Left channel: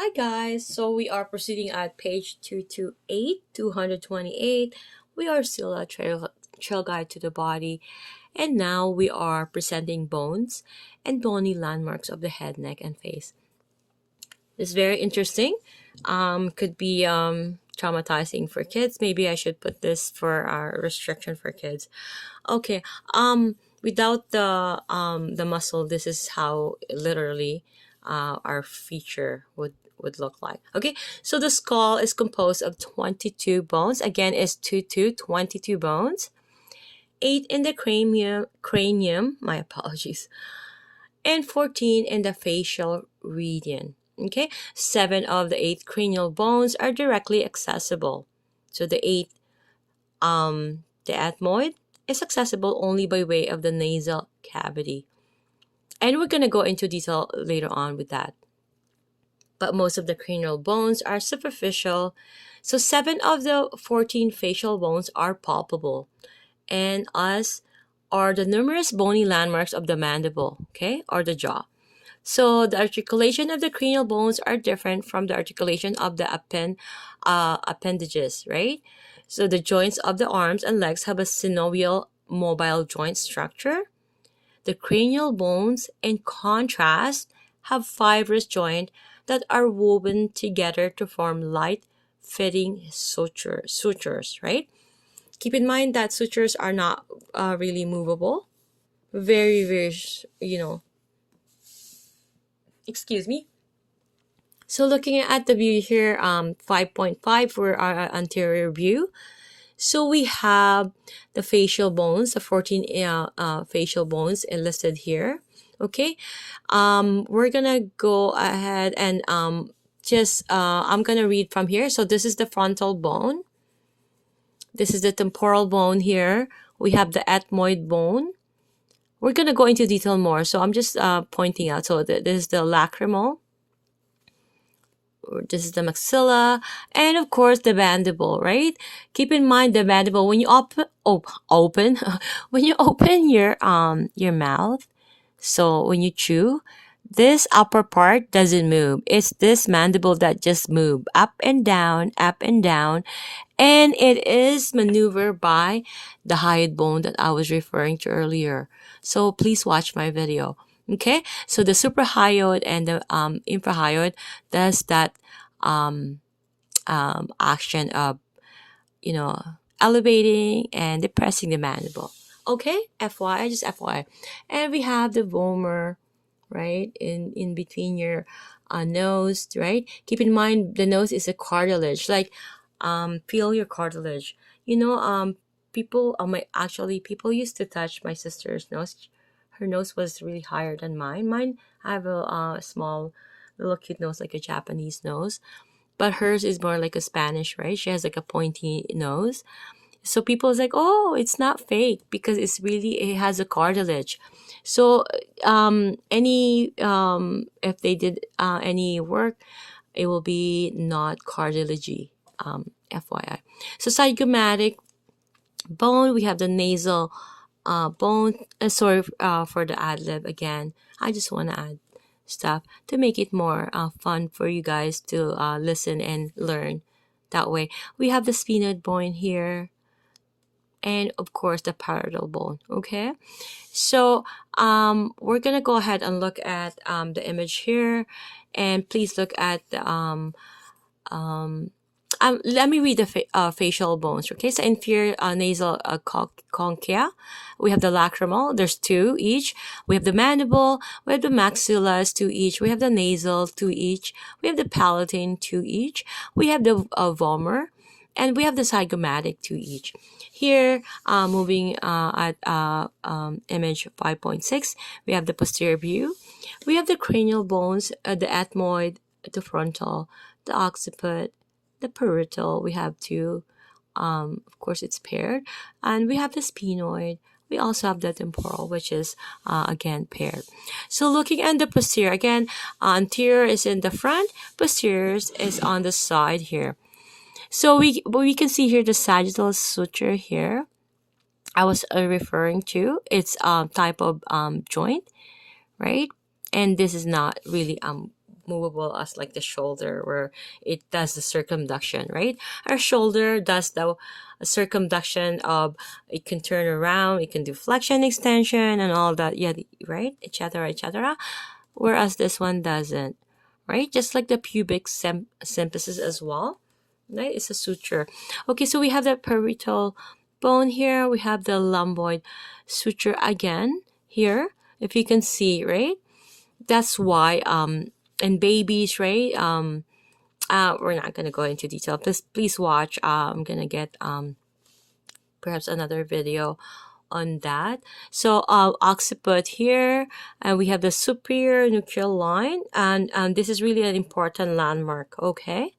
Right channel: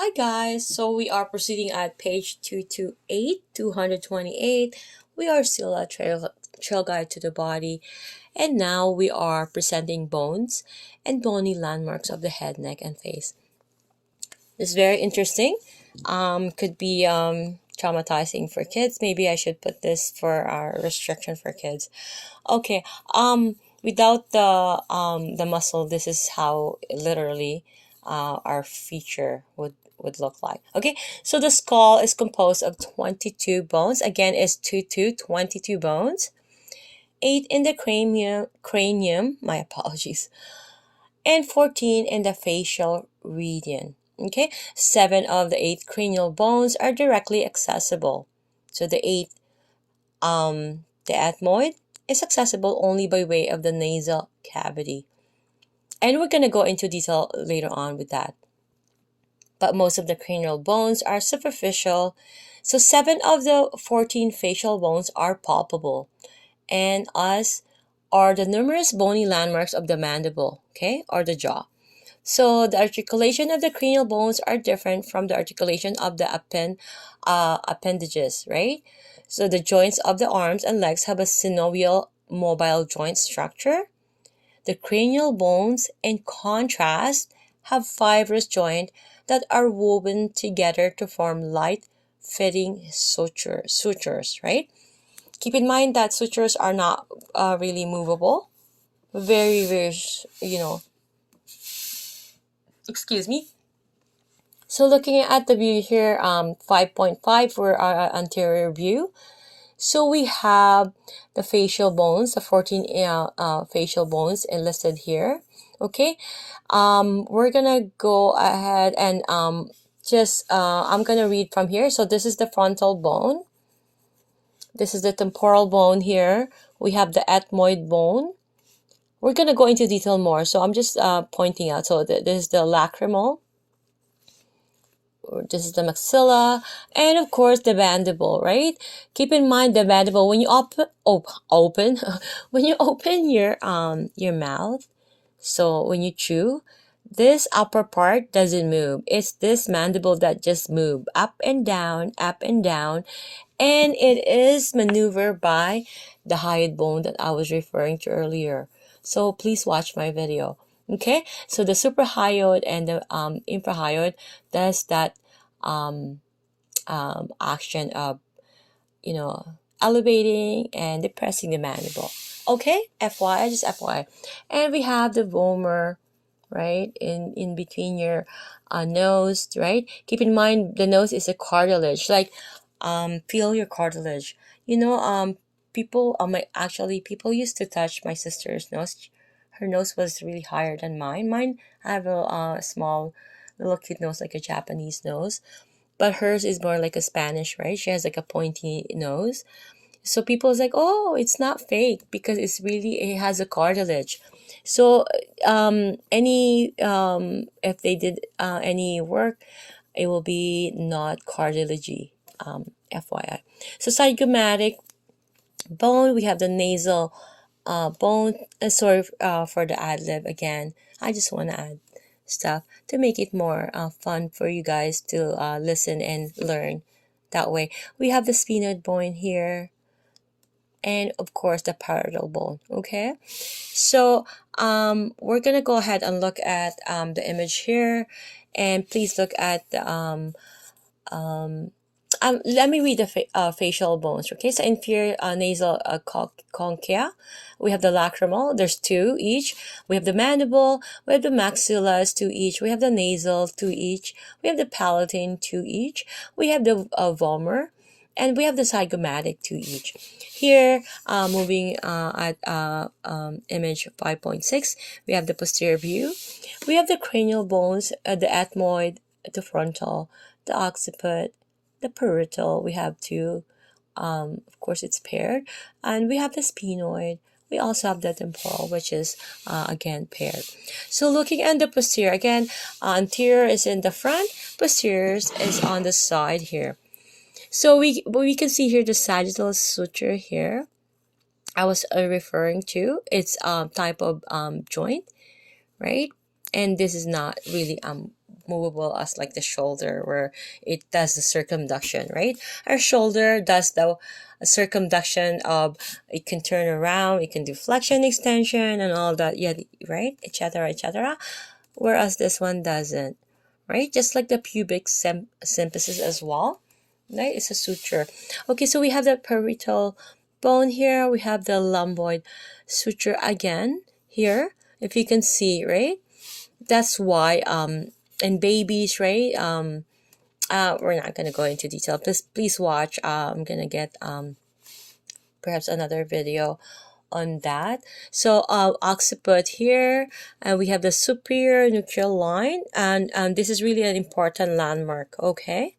Hi guys, so we are proceeding at page 228, 228. We are still a trail guide to the body, and now we are presenting bones and bony landmarks of the head, neck, and face. This is very interesting. Could be traumatizing for kids. Maybe I should put this for our restriction for kids. Okay. Without the muscle, this is how literally our feature would look like. Okay, so the skull is composed of 22 bones. Again, is 22 bones. 8 in the cranium, my apologies, and 14 in the facial region. Okay, 7 of the 8 cranial bones are directly accessible. So the ethmoid is accessible only by way of the nasal cavity. And we're going to go into detail later on with that. But most of the cranial bones are superficial. So 7 of the 14 facial bones are palpable. And as are the numerous bony landmarks of the mandible, okay, or the jaw. So the articulation of the cranial bones are different from the articulation of the appendages, right? So the joints of the arms and legs have a synovial mobile joint structure. The cranial bones, in contrast, have fibrous joints that are woven together to form light-fitting sutures, right? Keep in mind that sutures are not really movable. Very, very, excuse me. So looking at the view here, 5.5 for our anterior view. So we have the facial bones, the 14 facial bones listed here. Okay, we're gonna go ahead and I'm gonna read from here. So this is the frontal bone. This is the temporal bone here. We have the ethmoid bone. We're gonna go into detail more. So I'm just pointing out. So this is the lacrimal. This is the maxilla, and of course the mandible, right? Keep in mind the mandible when you open when you open your mouth. So when you chew, this upper part doesn't move. It's this mandible that just move up and down, and it is maneuvered by the hyoid bone that I was referring to earlier. So please watch my video. Okay, so the suprahyoid and the infrahyoid does that action of, elevating and depressing the mandible. Okay, FYI, just FYI. And we have the vomer, right, in between your nose, right? Keep in mind the nose is a cartilage. Like, feel your cartilage. People people used to touch my sister's nose. Her nose was really higher than mine. I have a small, little cute nose, like a Japanese nose, but hers is more like a Spanish, right? She has like a pointy nose. So people's like, oh, it's not fake because it has a cartilage. So if they did any work, it will be not cartilagey. FYI. So zygomatic bone, we have the nasal bone. Sorry for the ad lib again. I just want to add stuff to make it more fun for you guys to listen and learn that way. We have the sphenoid bone here, and of course the parietal bone. Okay, so we're gonna go ahead and look at the image here, and please look at the let me read the facial bones. Okay, so inferior nasal conchia, we have the lacrimal, there's 2 each. We have the mandible, we have the maxilla, 2 each. We have the nasal, 2 each. We have the palatine, 2 each. We have the vomer, and we have the zygomatic, 2 each. Here, moving at image 5.6, we have the posterior view. We have the cranial bones, the ethmoid, the frontal, the occiput, the parietal. We have 2. Of course, it's paired. And we have the sphenoid. We also have the temporal, which is, again, paired. So looking at the posterior, again, anterior is in the front, posterior is on the side here. So we can see here the sagittal suture here. I was referring to. It's type of joint, right? And this is not really movable as like the shoulder, where it does the circumduction, right? Our shoulder does the circumduction of, it can turn around, it can do flexion, extension, and all that, yeah, right, etc., etc. Whereas this one doesn't, right? Just like the pubic symphysis as well, right? It's a suture. Okay, so we have the parietal bone here. We have the lumboid suture again here, if you can see, right? That's why in babies, right? We're not gonna go into detail. Please watch. I'm gonna get perhaps another video on that. So occiput here, and we have the superior nuchal line, and this is really an important landmark. Okay,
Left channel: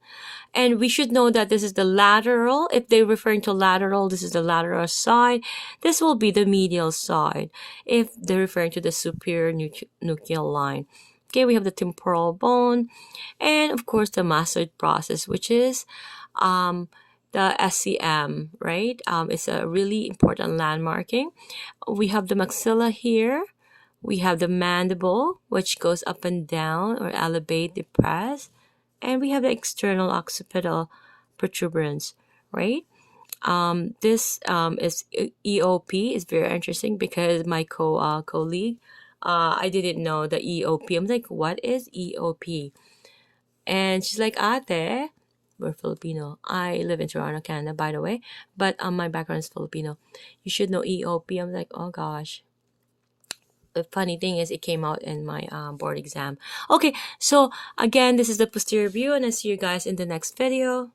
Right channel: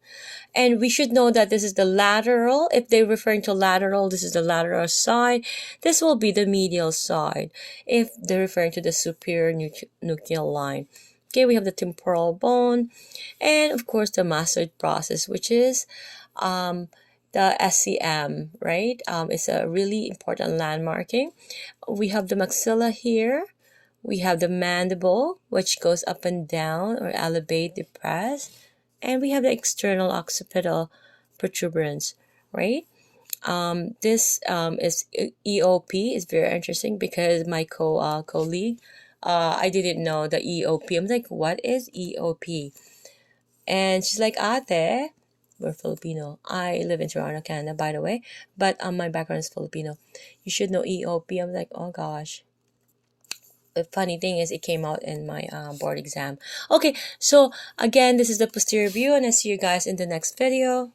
and we should know that this is the lateral. If they're referring to lateral, this is the lateral side. This will be the medial side if they're referring to the superior nuchal line. Okay, we have the temporal bone, and of course the masseter process, which is the SCM, right? It's a really important landmarking. We have the maxilla here. We have the mandible, which goes up and down or elevate, depress. And we have the external occipital protuberance, right? This is EOP. Is very interesting because my colleague, I didn't know the EOP. I'm like, what is EOP? And she's like, ate, we're Filipino. I live in Toronto, Canada, by the way. But my background is Filipino. You should know EOP. I'm like, oh gosh. The funny thing is, it came out in my board exam. Okay, so again, this is the posterior view, and I'll see you guys in the next video.